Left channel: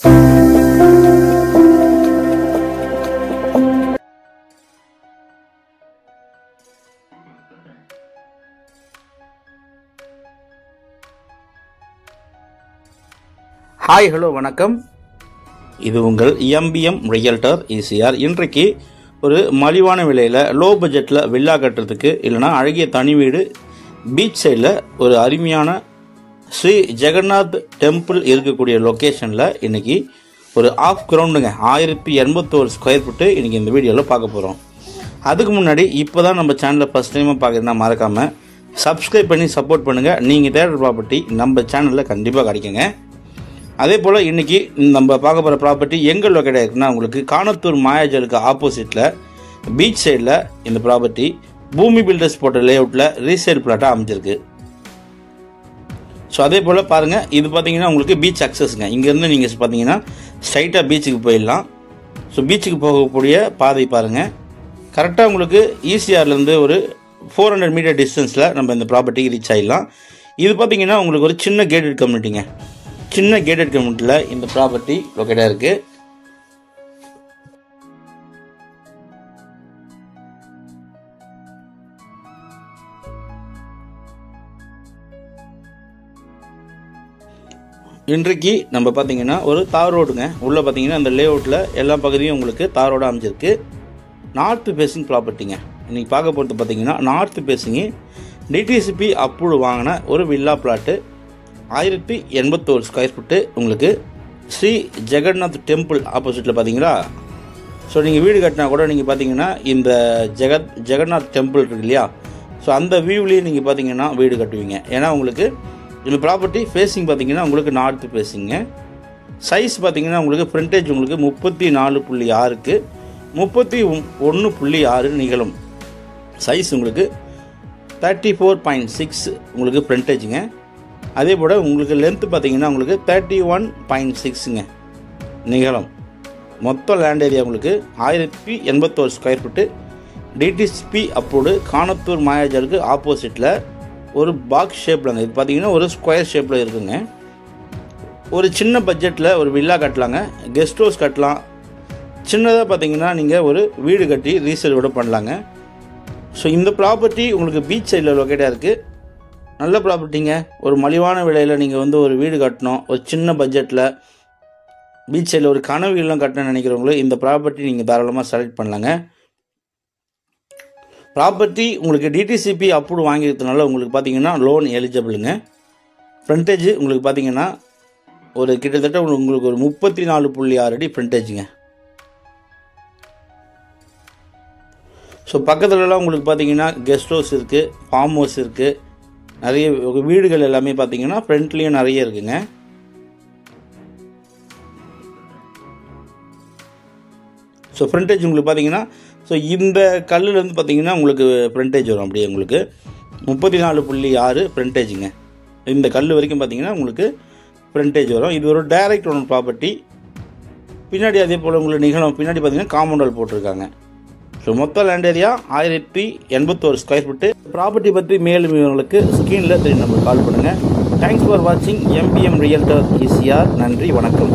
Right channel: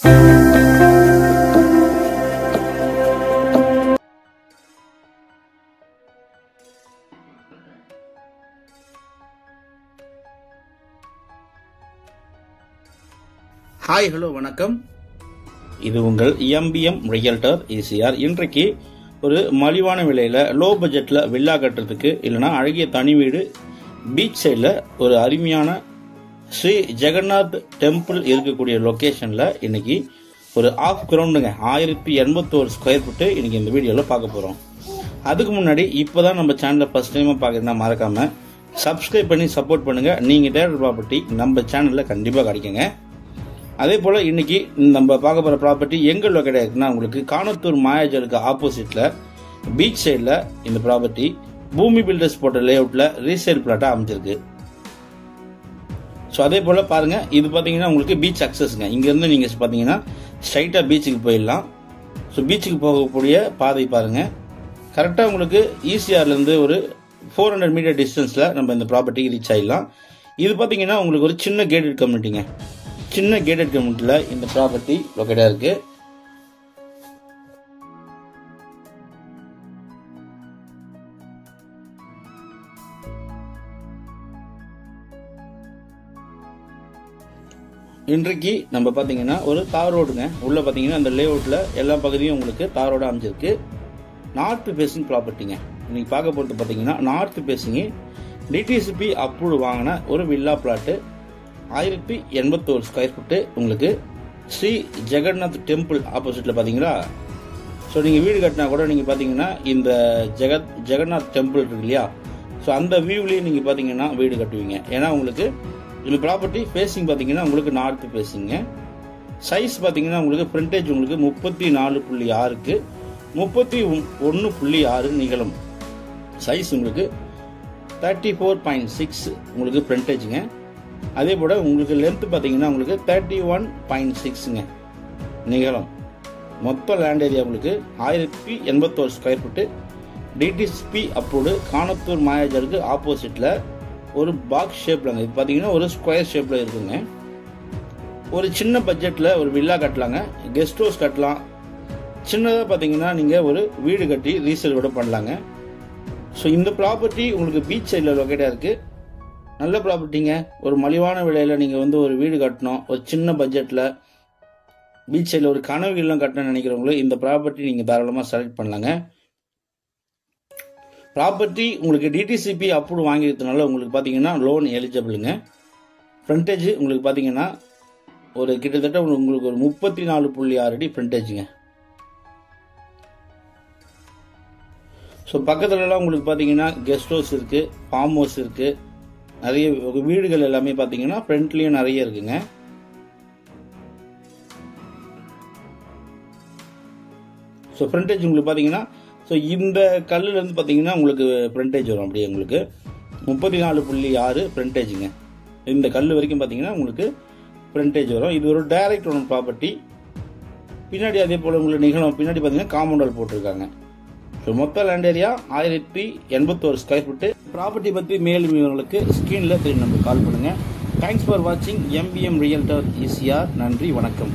Hi hello வணக்கம். இது உங்கள் எம்பிஎம் ரியல்டர் ஈசிஆர். இன்றைக்கு ஒரு மலிவான விலையில் லோ பட்ஜெட்டில் வில்லா கட்டுறதுக்கு இல்லைனா அழகிய தனி வீடு பீச் சைடில் ஒரு அருமையான ஸ்ரீ ஜெகநாத் டெம்பிள் இருக்கக்கூடிய லொக்கேஷனில் இன்னைக்கு ஒரு ஆஃப் கிரவுண்டுங்க 1081 ஸ்கொயர் ஃபீட்டு இன்னைக்கு இந்த வீடியோவில் பார்க்க போகிறோம். அதுக்கு முன்னாடி இப்போ தான் நம்ம சேனலில் ஃபர்ஸ்ட் டைமாக பார்க்குறதுனா மறக்காமல் சப்ஸ்கிரைப் பண்ணி சப்போர்ட் பண்ணுங்கள். நீங்கள் தேடுற ப்ராப்பர்ட்டி நம்ம சேனலில் கண்டிப்பாக கிடைக்குங்க. அதே போல் இன்னைக்கு நம்ம பார்க்க போகிற ப்ராப்பர்ட்டி எங்கே லொக்கேட் ஆயிருக்குன்னா உங்களுக்கு காணத்தூர் மாயாஜலுக்கு ஆப்போசிட்டில் பீச் சைடில் இந்த ப்ராப்பர்ட்டி பூமி பில்டர்ஸ் போட்ட லேஅவுட்டில் ரீசேல் பிளாட்டாக அமைஞ்சிருக்கு. ஸோ அதே போல் பாருங்கள், இது பார்த்தீங்கன்னா உங்களுக்கு பீச் அக்சஸ்ங்க. இங்கேருந்து நீங்கள் பார்த்தீங்கன்னா ஸ்ட்ரைட்டாக பீச்சுக்கு போயிடலாம். ஸோ பீச்சுக்கு போகக்கூடிய பாதை பாருங்கள். கரெக்டாக உங்களுக்கு ஈசிஆர்லேருந்து ஒரு 400 மீட்டர் டிஸ்டன்ஸில் நம்ம இந்த ப்ராப்பர்ட்டிக்கு ரீச் ஆகிடலாம். இது பார்த்தீங்கன்னா உங்களுக்கு ஒரு சின்ன கேட்டட் கம்யூனிட்டிங்க. சின்ன கேட்டட் கம்யூனிட்டியில் இந்த ப்ராப்பர்ட்டி லொக்கேட்டாக இருக்கு. இன்றைக்கு நம்ம பார்த்தீங்கன்னா ஒரு தார் ரோடுங்க. உள்ள பார்த்தீங்கன்னா அந்த லேஅவுட்டில் எல்லா பகுதியும் உங்களுக்கு தார் ரோடு அமைஞ்சிருக்கு. நார்த் பேசிங் ப்ராப்பர்ட்டிங்க. இன்னைக்கு பார்க்க போகிறது பார்த்தீங்கன்னா நார்த் பேசிங் டிடிசிபி அப்ரூவ் வாங்கின ஒரு வில்லா பிளாட்டு 1081 ஸ்கொயர் ஃபீட்டு உங்களுக்கு ஸ்ரீ ஜெகநாத் டெம்பிள் ஆப்போசிட்டில் பார்த்தீங்களா. ஸோ நீங்கள் வீடு கட்டினா கூட நீங்கள் பார்த்தீங்கன்னா இந்த ஜெகநாத் டெம்பிள் இருக்கு இல்லையா, ஸோ அந்த வியூவிலேயே நீங்கள் பார்த்தீங்கன்னா வீடு கட்டுவீங்க. ஏன்னா உங்களுக்கு இந்த ப்ராப்பர்ட்டி ஃபேஸிங் பார்த்தீங்கன்னா உங்களுக்கு நார்த் ஃபேஸிங்க. சைஸ் பார்த்தீங்கன்னா உங்களுக்கு ஃப்ரண்டேஜ் உங்களுக்கு 34.6க்கு 31.6 நிகழும். சைஸ் உங்களுக்கு 34.6 உங்களுக்கு ஃப்ரண்டேஜுங்க. அதே போல் உங்களுக்கு லென்த் பார்த்தீங்கன்னா உங்களுக்கு 31.6ங்க நிகழும். மொத்த லேண்ட் ஏரியா உங்களுக்கு 1081 square feet DTCP approved Kanathur மாயாஜருக்கு ஆப்போசிட்டில் ஒரு பாக்ஸ் ஷேப்லங்க. இது பார்த்தீங்கன்னா ஒரு ஸ்கொயர் ஷேப்பில் இருக்குங்க. ஒரு சின்ன பட்ஜெட்டில் ஒரு வில்லா கட்டலாங்க, கெஸ்ட் ஹவுஸ் கட்டலாம். சின்னதாக பார்த்தீங்கன்னா நீங்கள் ஒரு வீடு கட்டி ரீசேல் கூட பண்ணலாங்க. ஸோ இந்த ப்ராப்பர்ட்டி உங்களுக்கு பீச் சைடில் லொக்கேட்டாக இருக்குது. நல்ல ப்ராப்பர்ட்டிங்க. ஒரு மலிவான விலையில் நீங்கள் ஒரு வீடு கட்டணும், ஒரு சின்ன பட்ஜெட்டில் பீச் சைடில் ஒரு கனவு இல்லம் கட்டணும்னு நினைக்கிறவங்களும் இந்த ப்ராப்பர்ட்டி நீங்கள் தாராளமாக செலக்ட் பண்ணலாங்க. ப்ராப்பர்ட்டி உங்களுக்கு டிடிசிபி அப்ரூவ் வாங்கிக்கிறதுனால உங்களுக்கு பார்த்தீங்கன்னா லோன் எலிஜிபிளுங்க. ஃப்ரண்டேஜ் உங்களுக்கு பார்த்தீங்கன்னா ஒரு கிட்டத்தட்ட உங்களுக்கு ஒரு 34.6 அடி ஃப்ரண்டேஜுங்க. ஸோ பக்கத்துலலாம் உங்களுக்கு பார்த்தீங்கன்னா கெஸ்ட் ஹவுஸ் இருக்குது, ஃபார்ம் ஹவுஸ் இருக்குது, நிறைய வீடுகள் எல்லாமே பார்த்தீங்கன்னா ஃப்ரண்ட்லேயும் நிறைய இருக்குங்க. ஸோ ஃப்ரண்டேஜ் உங்களுக்கு பார்த்தீங்கன்னா ஸோ இந்த கல்லுலேருந்து பார்த்தீங்கன்னா உங்களுக்கு ஃப்ரண்டேஜ் வரும். அப்படியே உங்களுக்கு 34.6 ஃப்ரண்டேஜுங்க. இந்த கல் வரைக்கும் பார்த்தீங்கன்னா உங்களுக்கு ஃப்ரண்டேஜ் வரும். இது ஒரு டைரக்ட் ஓன் ப்ராப்பர்ட்டி. பின்னாடி அதே போல் உங்களுக்கு நிகழும். பின்னாடி பார்த்தீங்கன்னா காம்பவுண்ட் வால் போட்டிருக்காங்க. ஸோ மொத்த land area 1081 square feet. Property பற்றி மேலும் உங்களுக்கு ஸ்க்ரீனில் நம்பர் கால் பண்ணுங்கள். தேங்க்ஸ் ஃபார் வாட்சிங் எம்பிஎம் ரியல்டர் ஈசிஆர். நன்றி, வணக்கம்.